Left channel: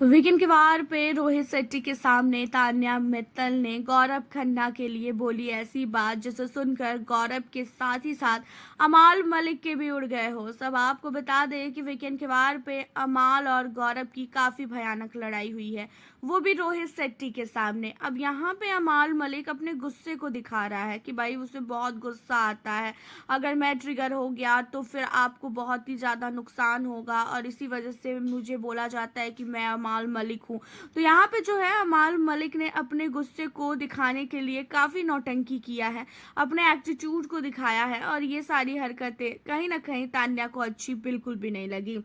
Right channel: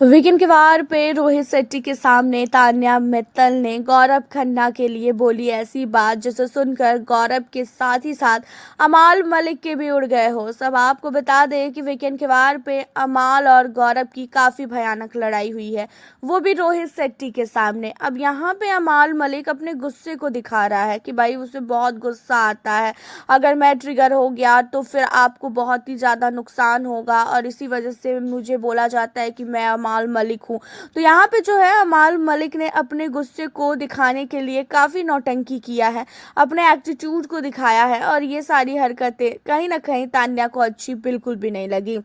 Weekend के वार पे रोहित शेट्टी के सामने तान्या मित्तल ने गौरव खन्ना के लिए बोली ऐसी बात जिसे सुनकर गौरव के साथ ही साथ अमाल मलिक के भी उड़ गए हो। सब आपको बता दें कि वीकेंड के वार पे अमाल और गौरव की काफी भयानक लड़ाई हुई है, वो भी रोहित शेट्टी के सामने। अब यहाँ पे अमाल मलिक अपने गुस्से को दिखा रहा है कि भाई उसे बहुत गुस्सा आता है, अगर मैं ट्रिगर हो गया तो फिर आपको बहुत ही ज़्यादा नुकसान होगा और इसी वजह से मुझे बोला जाता है कि मैं अमाल मलिक हूँ। तो यहाँ पे जो है अमाल मलिक ने अपने गुस्से को दिखाने के लिए काफ़ी नौटंकी किया है, अपने एटीट्यूड को दिखाया है और ये सारी हरकतें कहीं ना कहीं तान्या को अच्छी बिल्कुल भी नहीं लगी।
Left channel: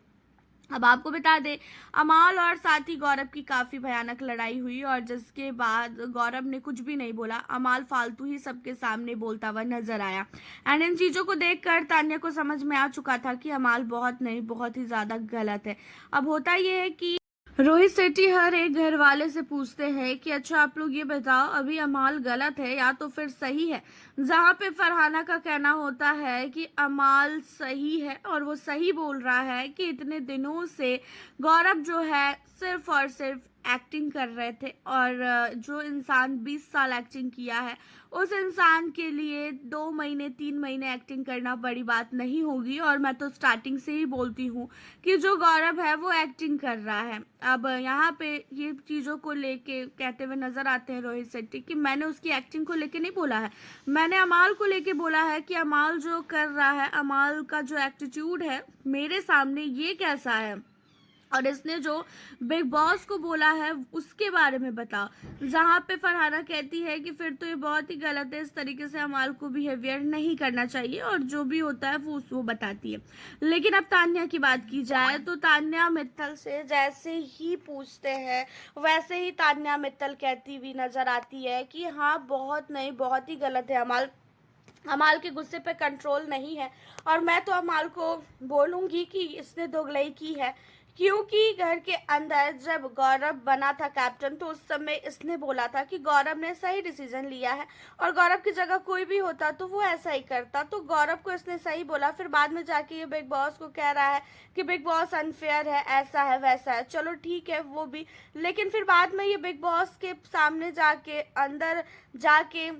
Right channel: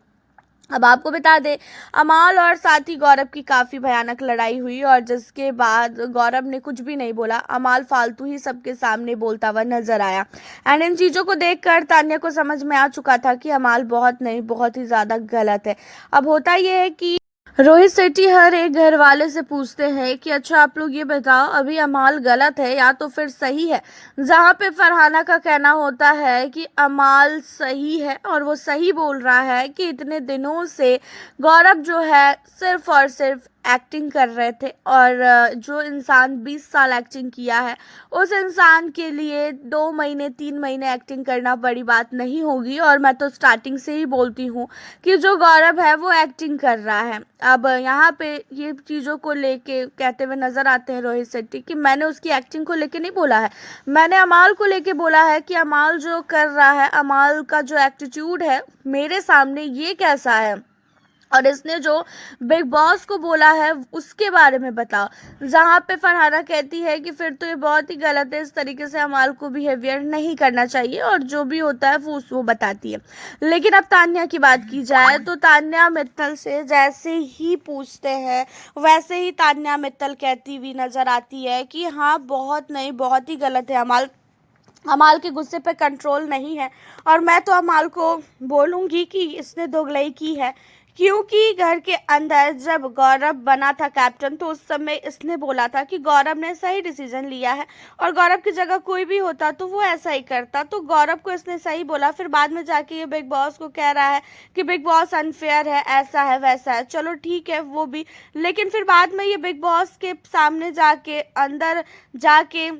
अब आपको बता दें, अमाल और साथ ही गौरव की काफ़ी भयानक लड़ाई हुई और जिसके बाद गौरव ने कुछ भी नहीं बोला, अमाल फालतू ही सबके सामने बोलता हुआ नजर आया। एंड इन चीज़ों को देखकर तान्या को समझ में आ चुका था कि अमाल बहुत नहीं बहुत ही ज़्यादा गलत है। अब होता यह है कि रोहित शेट्टी हर एक घर वाले से पूछते हैं कि अच्छा आप लोग ये बताओ अभी अमाल गलत है या तो फिर सही है। जहां पे फरहाना का कहना होता है कि अमाल सही है और वो सही बोल रहा है कि इतने दिनों से गौरव जो है सिर्फ और सिर्फ एक्टिंग कर रहे थे और जो इंसान 20 साल एक्टिंग किया है उस इंसान के लिए 2 महीने 3 महीने एक्टिंग करना बड़ी बात नहीं होगी। और मैं तो स्टार्टिंग से ही बोलती हूँ कि जो गौरव है वो एक्टिंग कर रहा है। अब यहाँ पे ये चीज़ों को लेके कहते हुए नजर आते हैं रोहित शेट्टी कि मैंने उसकी एक्टिंग को लेके नहीं बोला है, मैंने अमाल को लेके बोला है कि अमाल जो कर रहा है, अमाल का जो एटीट्यूड है मेरे सामने ये कैसा है और इसने जो बिग बॉस को बोला है उसके बारे में बताओ। जहाँ पे फरहाना कहती है कि फिर तो ये बहुत ही गलत है, इस तरीके से अमाल को बिहेवियर नहीं करना चाहिए और जो भी होता है वो बताती है। लेकिन अब तान्या की बात की जाए तो तान्या मित्तल से जैसे ही पूछते हैं वैसे ही तान्या मित्तल कहती हुई नजर आती है कि हाँ बहुत नहीं बहुत ही गलत है अमाल, अमाल के गुस्से पे कंट्रोल नहीं है। और मैं तो अमाल को बोलूंगी कि इसने दोगलई की है, क्योंकि घर के अंदर जब गौरव बना था कैप्टन तो उस समय इसने बोला था कि गौरव ने सही डिसीजन लिया है और गौरव की जगह कोई भी होता तो वो ऐसा ही करता। तो गौरव को इसने सही बोला, फिर बाद में जाके ये बिग बॉस को कह रहा है कि बिग बॉस अनफेयर है, ऐसा है वैसा है। चलो ठीक है वो भी, लेकिन फिर बाद में ये बिग बॉस के सामने जाके अंदर जाके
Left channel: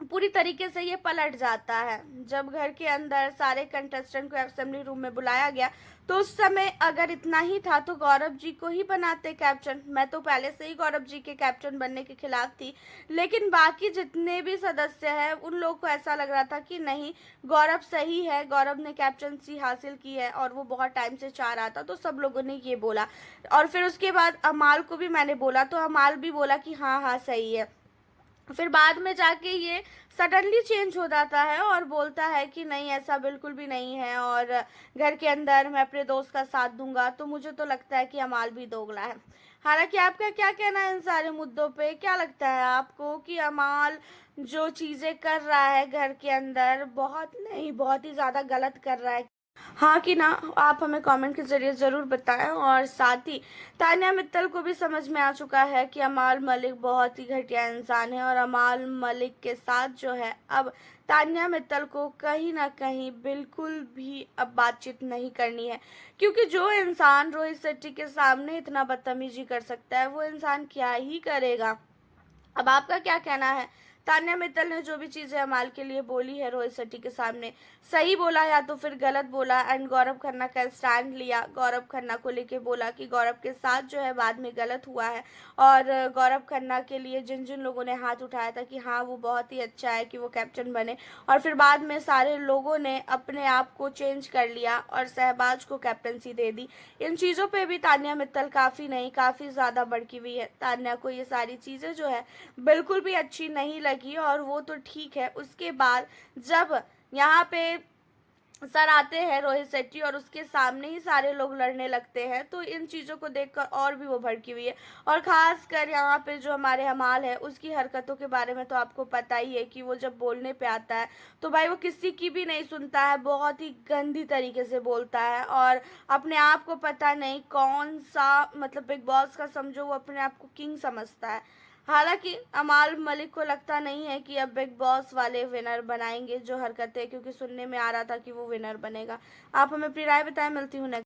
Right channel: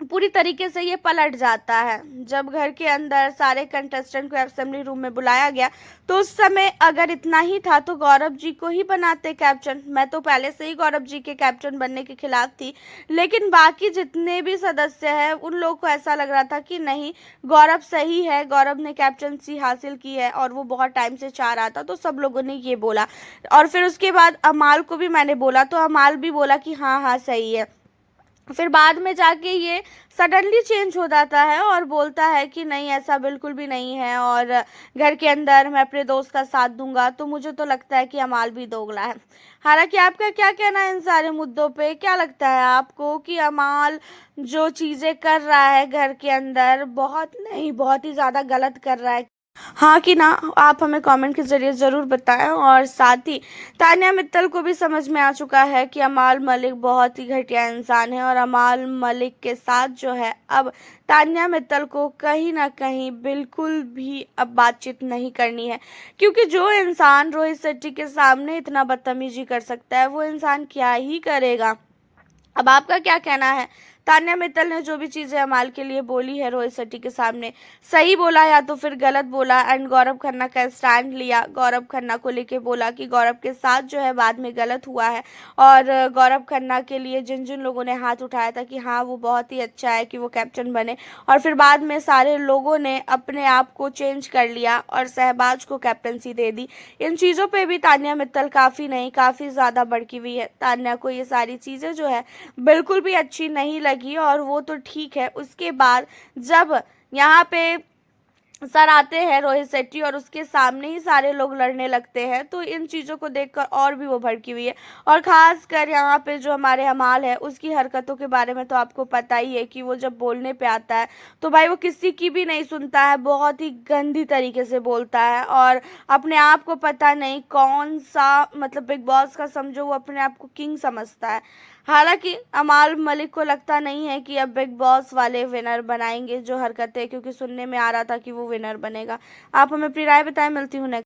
पूरी तरीके से ये पलट जाता है। जब घर के अंदर सारे कंटेस्टेंट को असेंबली रूम में बुलाया गया तो उस समय अगर इतना ही था तो गौरव जी को ही बनाते कैप्टन। मैं तो पहले से ही गौरव जी के कैप्टन बनने के खिलाफ थी, लेकिन बाकी जितने भी सदस्य हैं उन लोगों को ऐसा लग रहा था कि नहीं गौरव सही है, गौरव ने कैप्टनसी हासिल की है और वो बहुत टाइम से चाह रहा था। तो सब लोगों ने ये बोला और फिर उसके बाद अमाल को भी मैंने बोला तो अमाल भी बोला कि हाँ हाँ सही है। फिर बाद में जाके ये सडनली चेंज हो जाता है और बोलता है कि नहीं ऐसा बिल्कुल भी नहीं है और घर के अंदर मैं अपने दोस्त का साथ दूंगा। तो मुझे तो लगता है कि अमाल भी दोगला है। हालांकि आपका क्या कहना है इन सारे मुद्दों पे, क्या लगता है आपको कि अमाल जो चीज़ें कर रहा है घर के अंदर बहुत नहीं बहुत ही ज़्यादा गलत कर रहा है? हाँ कि ना, आप हमें कमेंट के जरिए ज़रूर बताएं। और साथ ही तान्या मित्तल को भी समझ में आ चुका है कि अमाल मलिक बहुत ही घटिया इंसान है और अमाल मलिक के साथ जो है अब तान्या मित्तल को कहीं ना कहीं बिल्कुल भी अब बातचीत नहीं करनी है, क्योंकि जो इंसान रोहित शेट्टी के सामने इतना बदतमीजी कर सकता है वो इंसान क्या ही करेगा। अब आपका क्या कहना है? तान्या मित्तल ने जो भी चीजें अमाल के लिए बोली है रोहित शेट्टी के सामने, सही बोला या तो फिर गलत बोला? एंड गौरव खन्ना का स्टैंड लिया, गौरव खन्ना को लेके बोला कि गौरव के साथ जो है बाद में गलत हुआ है और गौरव खन्ना के लिए जिन जिन लोगों ने हाथ उठाया था कि हाँ वो बहुत ही अच्छा है कि वो कैप्टन बने, और फिर बाद में सारे लोगों ने अपने आप को चेंज कर लिया और शहबाज को कैप्टनसी दे दी। इन चीज़ों पे भी तान्या मित्तल काफ़ी नहीं काफ़ी ज़्यादा भड़की हुई है। तान्या को ये सारी चीज़ें जो है बिल्कुल भी अच्छी नहीं लगी और वो तो ठीक है। उसके बाद जब यहाँ पे सर आते हैं रोहित शेट्टी और उसके सामने ही सारे लोग लड़ने लगते हैं तो इन चीज़ों को देखकर और भी वो भड़की हुई है। और ख़ास कर यहाँ पे जो हमारे अमाल है उसकी हरकतों के बारे में तो आपको पता ही है कि वो जब बोलने पे आता है तो भाई वो किसी की भी नहीं सुनता है, बहुत ही गंदी तरीके से बोलता है और अपने आप को पता नहीं कौन सा मतलब बिग बॉस का समझो वो अपने आप को किंग समझता है। हालांकि अमाल मलिक को लगता नहीं है कि अब बिग बॉस वाले विनर बनाएंगे जो हरकतें, क्योंकि सुनने में आ रहा था कि वो विनर बनेगा। आप हमें अपनी राय बताएं, मिलती हूँ नेक्स्ट।